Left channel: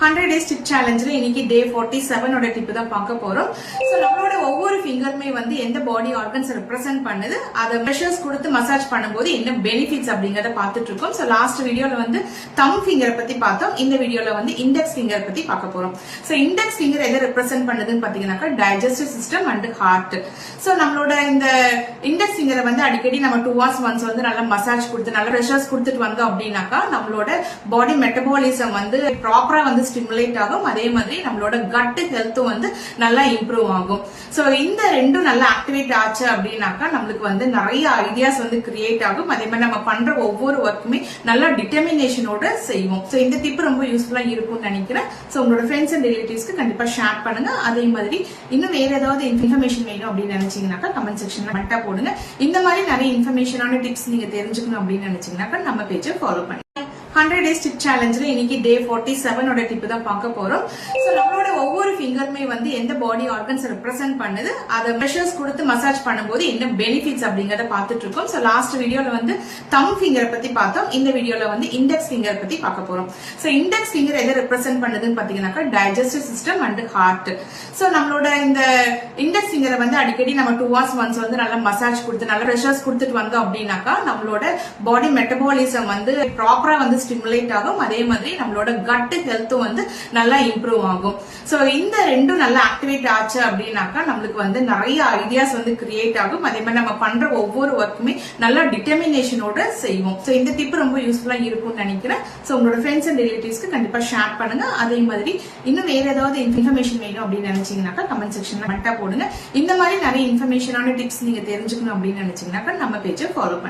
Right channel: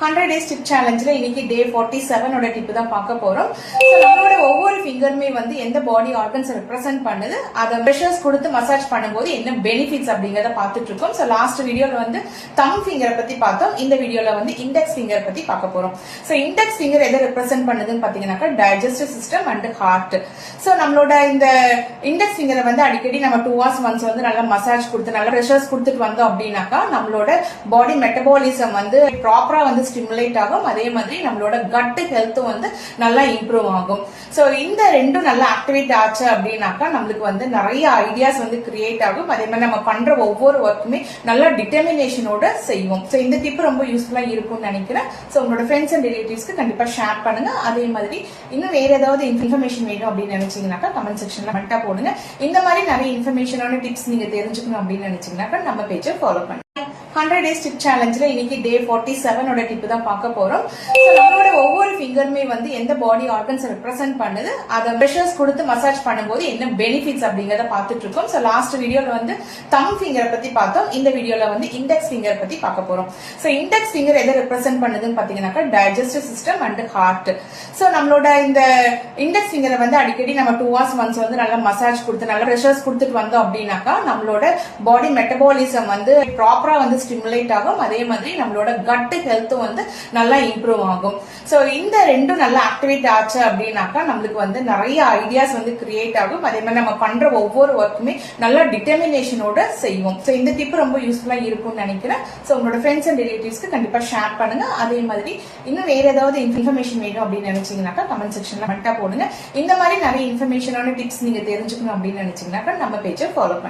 100 days tip challengeல இன்னைக்கு day 47 ஓட tip தான் பார்க்க போறோம். சோ நம்மளோட ஒவ்வொரு ஃபிங்கருமே வந்து எந்த பாடி ஆர்கன்ஸ் ரெப்ரசென்ட் பண்ணுது, அத பிரஷர்ஸ் கொடுத்து மசாஜ் பண்ணும்போது என்ன பெனிஃபிட்ஸ் அப்படிங்கறத பார்த்துட்டு இருக்கோம். சோ லாஸ்ட் வீடியோல வந்து தம் ஃபிங்கர் பத்தி பார்த்தோம். இந்த வீடியோல வந்து இண்டெக்ஸ் ஃபிங்கர் பத்தி பார்க்க போறோம். சோ இண்டெக்ஸ் ஃபிங்கர் எதை ரெப்ரசென்ட் பண்ணுதுன்னு பாத்தீங்கன்னா digestive system and heart. So நம்மளோட இந்த இண்டெக்ஸ் ஃபிங்கரை வந்து அடிக்கடி நம்ம 2 hours once வந்து நல்லா மசாஜ் கொடுத்து நல்ல பிரஷர்ஸ் கொடுத்துட்டு வந்தோம் அப்படின்னாக்கா நம்மளோட பாடி மெட்டபாலிசம் வந்து ப்ராப்பரா வந்து ஸ்டிமுலேட் ஆகும். அதே மாதிரி நம்மளோட கட் ஹெல்த்தும் வந்து நல்லா இம்ப்ரூவ் ஆகும். சோ இந்த ரெண்டும் நல்லா ஆக்டிவேட் ஆச்சு அப்படின்னாக்கா நம்மளுக்கு வந்து நிறைய ஐடியாஸ் வந்து கிரியேட் ஆகும். அதே மாதிரி நம்ம பண்ற ஒவ்வொரு ஒர்க்குமே நல்ல டிட்டர்மினேஷனோட செய்வோம். சோ இந்த டிப் ரொம்ப யூஸ்ஃபுல்லா இருக்கும்னு நினைக்கிறேன். சோ உங்களோட ஃப்ரெண்ட்ஸ் அண்ட் ரிலேட்டிவ்ஸ்க்கு கண்டிப்பா ஷேர் பண்ணுங்க. அதே மாதிரி இன்னும் வேற ஏதாவது இன்ஃபர்மேஷன் வேணும் அப்படின்னு நினைச்சீங்கன்னாக்கா கமெண்ட் செக்ஷன்ல கமெண்டா போடுங்க. இந்த மாதிரி நிறைய இன்ஃபர்மேஷனான டிப்ஸ் நீங்க தெரிஞ்சுக்கணும் அப்படின்னு நினைச்சீங்கன்னாக்கா நம்ம பேஜை ஃபாலோ பண்ணுங்க. 100 days tip challengeல இன்னைக்கு day 47 ஓட டிப் தான் பார்க்க போறோம். சோ நம்மளோட ஒவ்வொரு ஃபிங்கருமே வந்து எந்த பாடி ஆர்கன்ஸ் ரெப்ரசென்ட் பண்ணுது, அத பிரஷர்ஸ் கொடுத்து மசாஜ் பண்ணும்போது என்ன பெனிஃபிட்ஸ் அப்படிங்கறத பார்த்துட்டு இருக்கோம். சோ லாஸ்ட் வீடியோல வந்து தம் ஃபிங்கர் பத்தி பார்த்தோம். இந்த வீடியோல வந்து இண்டெக்ஸ் ஃபிங்கர் பத்தி பார்க்க போறோம். சோ இண்டெக்ஸ் ஃபிங்கர் எதை ரெப்ரசென்ட் பண்ணுதுன்னு பாத்தீங்கன்னா digestive system and heart. So நம்மளோட இந்த இண்டெக்ஸ் ஃபிங்கரை வந்து அடிக்கடி நம்ம 2 hours once வந்து நல்லா மசாஜ் கொடுத்து நல்ல பிரஷர்ஸ் கொடுத்துட்டு வந்தோம் அப்படின்னாக்கா நம்மளோட பாடி மெட்டபாலிசம் வந்து ப்ராப்பரா வந்து ஸ்டிமுலேட் ஆகும். அதே மாதிரி நம்மளோட கட் ஹெல்த்தும் வந்து நல்லா இம்ப்ரூவ் ஆகும். சோ இந்த ரெண்டும் நல்லா ஆக்டிவேட் ஆச்சு அப்படின்னாக்கா நம்மளுக்கு வந்து நிறைய ஐடியாஸ் வந்து கிரியேட் ஆகும். அதே மாதிரி நம்ம பண்ற ஒவ்வொரு ஒர்க்குமே நல்ல டிட்டர்மினேஷனோட செய்வோம். சோ இந்த டிப் ரொம்ப யூஸ்ஃபுல்லா இருக்கும்னு நினைக்கிறேன். சோ உங்களோட ஃப்ரெண்ட்ஸ் அண்ட் ரிலேட்டிவ்ஸ்க்கு கண்டிப்பா ஷேர் பண்ணுங்க. அதே மாதிரி இன்னும் வேற ஏதாவது இன்ஃபர்மேஷன் வேணும் அப்படின்னு நினைச்சீங்கன்னாக்கா கமெண்ட் செக்ஷன்ல கமெண்டா போடுங்க. இந்த மாதிரி நிறைய இன்ஃபர்மேஷனான டிப்ஸ் நீங்க தெரிஞ்சுக்கணும் அப்படின்னு நினைச்சீங்கன்னாக்கா நம்ம பேஜை ஃபாலோ பண்ணுங்க.